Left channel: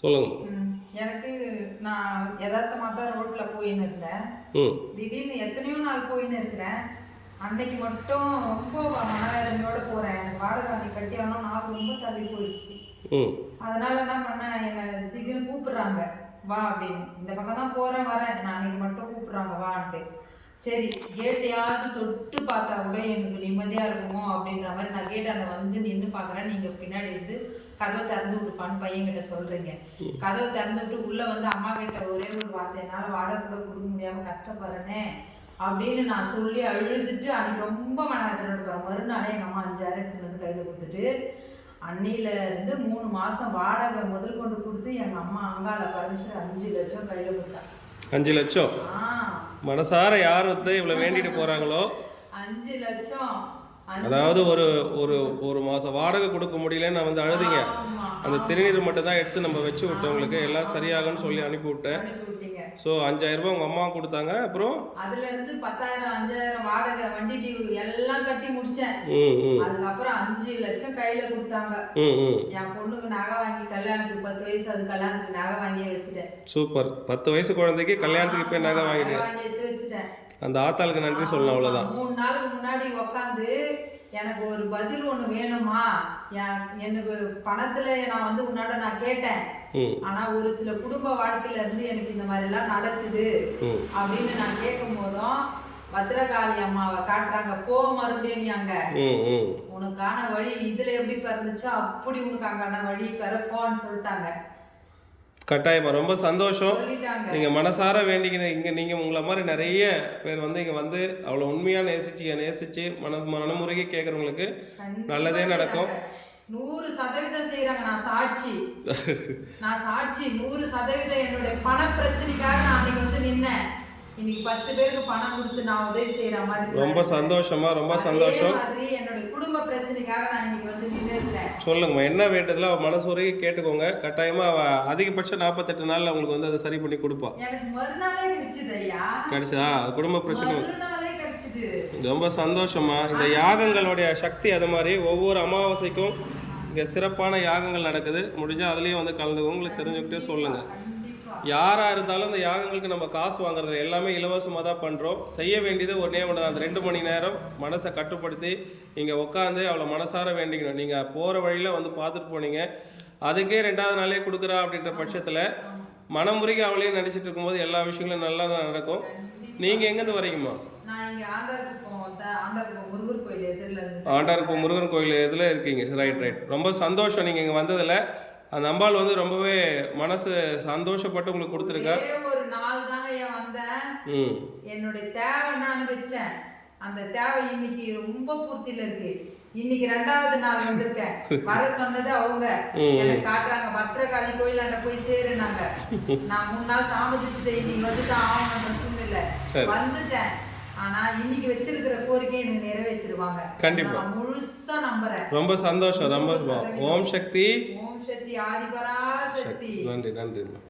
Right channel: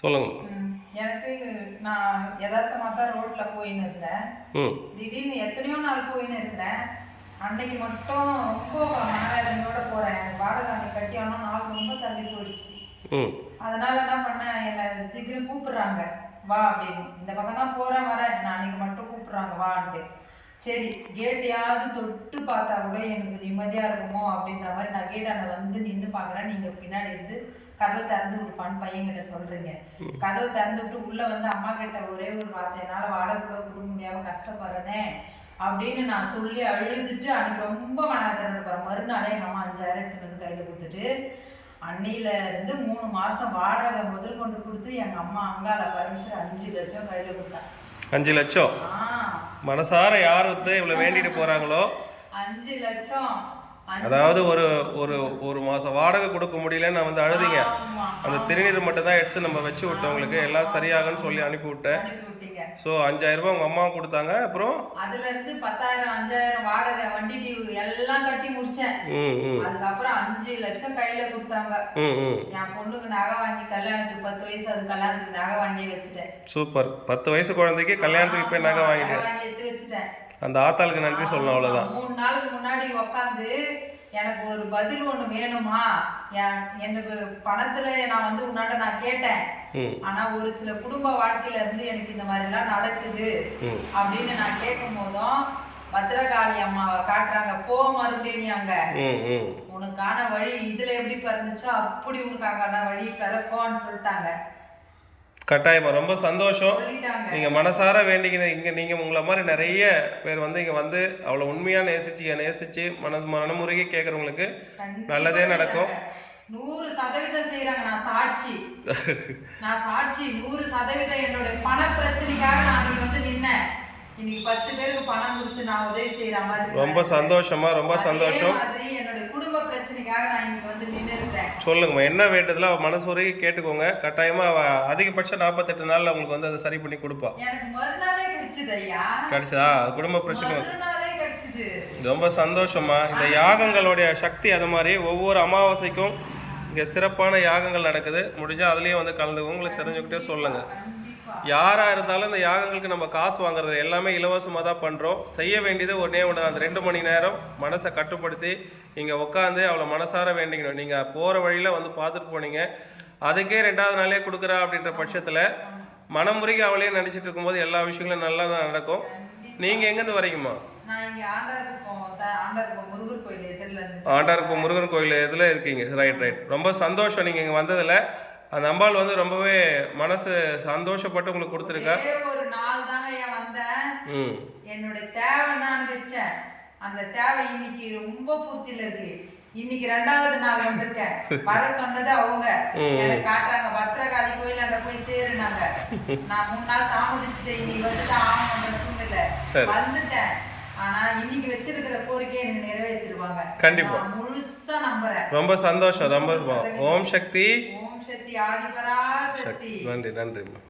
சொல்லுங்க. எனக்கு நான் யதார்த்தமாக தான் ரோட்டில் போயின்னு இருந்தேன். திடீர்னு எத்தனையோ நாள் போயின்னு இருக்கிறேன். அன்னைக்கு மட்டும் ரொம்ப மனவேதனையோடு போகிறேன். எனக்கு வாடகை அன்னைக்கு கட்டியாலும் நாக்கு ரொம்ப தள்ளி போயிடுச்சு. அதனால் என்ன பண்ணேன், என்னை திடீர்னு கூப்பிட்றாங்க வா அப்படின்னு. இந்த பக்கம் தான் போகிறேன் வரேன், நான் அன்னைக்கு மட்டும் கூப்பிட்றாங்க வான்ட்டு. சரி கேட்டையாவது தொட்டு பார்த்தா கூட எனக்கு நிம்மதியாக இருக்குமோ அப்படின்ற மாதிரி நான் கேட்டாண்ட வந்து நின்று பார்க்குறேன். நீங்கள் பின்னாடி இருந்து கதவை திறந்து விடுப்பான்னு பையன்கிட்ட சொல்கிறீங்க. கதவை திறந்து விட்டு உள்ளே வந்து அம்மா கிட்ட ஒரே ஒரு வார்த்தை, என்னால் வாடகை கூட கொடுக்க முடியாமல் கஷ்டப்படுறேனே அப்படின்னு நான் சொல்லி அழுதுட்டு அன்னைக்கு ரொம்ப மனவேதனை போகிறேன். மறுநாளே எங்கள் அம்மா 5000 எடுத்துன்னு வந்து கையில் கொடுத்துட்டு அன்னியிலேருந்து 3 மாதம் வாடகை முதல் கொண்டு கொடுத்து எங்கள் அம்மா அங்கால பர்மிஷன் 5 லட்சம் கையில் கொடுத்தேன். 5 லட்சம் மனசார யார் வந்து இவ்வளோ வேண்டிட்டு போகிறாங்களோ 5 லட்சம். அதாவது ஒரு ஒரு ஒரு மாதம் வாடகை கொடுக்க முடியலன்னு நான் வந்து அழுதிங்க. அந்த திருநீர் மட்டும் தான் எடுத்து நம்ம வச்சு விட்டவங்களுக்கு எல்லாம் சரியாகன்னு சொல்லி அனுப்பி விட்டேன். ஸோ 5000 ரூபாய் உங்கள் அம்மா கொடுத்தாங்க. அப்புறம் அதுலேருந்து 10,000 5,000 வாடகை வண்டி டியூ எல்லாம் கட்டி முடிச்சேன். அதுக்கப்புறம் 5 லட்சம் கையில் கொடுத்தாங்க. என் பொண்ணுக்கு நகை வாங்கி கல்யாணத்துக்கு 10 வயசு, அது கல்யாணத்துக்கு நகை வாங்கி வச்சுட்டேன். சூப்பர். 10 வயசு குழந்தைக்கு கல்யாணத்துக்கு இப்போ நகை வாங்கி எடுத்து வச்சுட்டேன். அந்த ஆத்தாளுக்கு நன்றி சொல்லணும், அவ்வளோதான். 3 நாளுக்கு முன்னாடி உட்காந்து எனக்கு ஒரு பதில் ஒன்று வேணுமா, எனக்கு பணத்தில் நான் வந்து உன்னாட்ட நான் கேட்டேன். ஆனால் ஒரு சில குடும்ப வாழ்க்கையில இருந்து எனக்கு இந்த மாதிரிலாம் நடக்குது அப்படின்னு நான் கேட்கும் போதும் பத்ரகாளி அம்மாவை காட்டுறாங்க. போ மறுபடியும் நீ அங்க உனக்கான வழி இதுல எப்படி பிறந்துச்சோ அப்படி உனக்கு அங்கான வழி பிறப்போன்னு சொல்லிட்டாங்க. கட்டாயமா ரொம்ப சந்தோஷம். நீங்கள் மனசார வேண்டிக்கின இங்கே நீங்கள் உங்களை மாதிரி நிறைய பேர் வந்து இங்கே வந்து அவ்வளோ உண்மையாக நேசிச்சு மனமுறையே கேட்குறவங்களுக்கு நல்லதே நடக்கும். 100% செய்கிறாங்க. நான் சாட்சி 100% என்னுடைய பண பிரச்சனைக்காக நான் அன்னைக்கு வந்து நின்னேன். இன்னைக்கு 10 பேருக்கு பணம் கொடுத்து நான் உதவி செய்யற மாதிரி ரொம்ப சந்தோஷமா, ரொம்ப சந்தோஷம். என்னோட குடும்ப பிரச்சனைக்காக நான் இன்னைக்கு வந்து நின்னு இருக்கேன். சொல்லுங்கம்மா, என்ன வேண்டதுல அவ மனசுரையே கேட்டுக்கோங்க. கட்டாயமா அவ அதிகபட்சம் 48 நாள்ல உங்களுக்கு வந்து அதை சரி பண்ணி கொடுப்பா. எனக்கு மறுநாளே கிடைச்சது ஐயா. கிடைச்சதா? குடும்ப பிரச்சனை மறுநாளே கிடைச்சது. ரொம்ப சந்தோஷமா. இந்த யாகங்களுடைய சக்தி அது மாதிரி ஒவ்வொரு அமாவாசைக்கும் இங்கே சிறப்பான யாகங்கள் நடக்குது. முடிஞ்சால் அதுலேயும் வந்து கலந்துக்கோங்க. உங்களுக்கு தெரிஞ்சுக்கிட்டே சொல்லுங்கள். யாராக இருந்தாலும் இந்த யாகங்களுக்கு நம்ம காசு வாங்குறது எல்லாமே இலவசமாக தான் பண்ணுறோம். செய்ய வேண்டியது ஒன்றே ஒன்று தான். அந்த 2 மணி நேரம் மனசை கட்டுப்படுத்தி இங்கே உட்காந்து அவ்வளோ மனசார வேண்டிக்கணும். நீங்கள் போகிற வழியில் வந்து பார்த்துட்டு போனீங்க, அதுக்கே 2வது நாளே கொடுக்குறா அப்படின்ற பட்சத்தில் மனமுறைக்கு அவளையே நினச்சிட்டு இருக்கும்போது எல்லா விஷயங்களும் நல்லா தான் நடக்கும். நீங்கள் எங்கேருந்து வரீங்கம்மா? ஆண்டார்குப்பம் முருகன் கோயில் இதில் இருக்கீங்க. ரைட். ரொம்ப சந்தோஷம் நீங்கள் இங்கே வந்ததில். அந்த அம்பாள் வந்து ரொம்பவே மனசு சந்தோஷப்பட்டு உங்களுக்கு கொடுத்துருக்கா. ஒரு நாள் தாங்க வந்தேன். என்னோட தேவை நான் வச்சேன். அந்த தேவை இன்னைக்கு ரொம்ப பூர்த்தியில இருக்கு. இன்னைக்கு 2வது நாள் வந்திருக்கேன். வர சொன்னது அவங்க எனக்கு காட்டுறாங்க. பத்ரகாளி கோயில் அந்த போய் சேருனாங்க. நான் 3 நாள் தாமதிச்சுட்டேன். இன்னைக்கு வந்துட்டு ஆகணுன்ற சூழ்நிலை வந்துட்டேன். ஆனா இன்னைக்கு வச்சிருக்கிற கோரிக்கையை எனக்கு நிறைவேற்றிடுவாங்க. கண்டிப்பா முழுசா நம்புறேன். ரொம்ப சந்தோஷம். ரொம்ப ஓம் சக்தி ஆதிபரா சக்தி. நன்றி.